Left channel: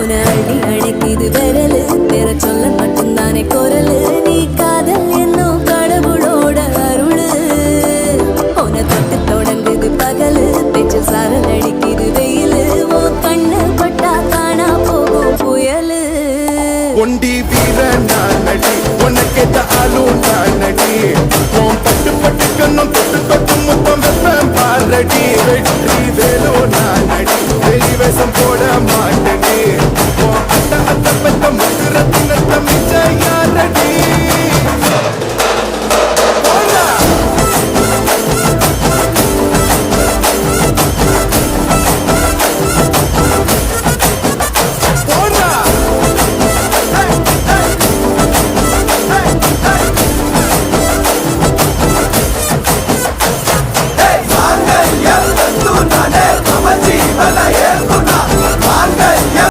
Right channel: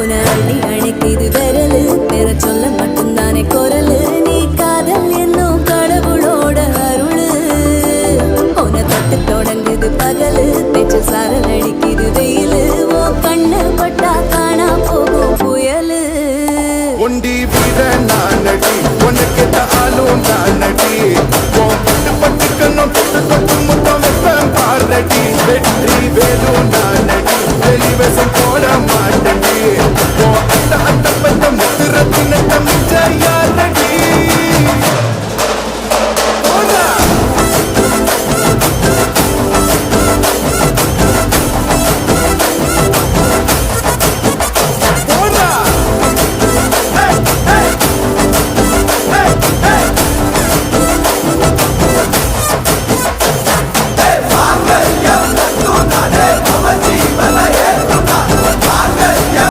உன அள்ளி அணைக்குது விரலு பெற சொல்ல மட்டும்தானே குரலு நீ காதல் என்னும் கடவுளோட அருளு உன தொட்டு தொடங்குது பகலு பேச்சு சாரல் அடிக்குது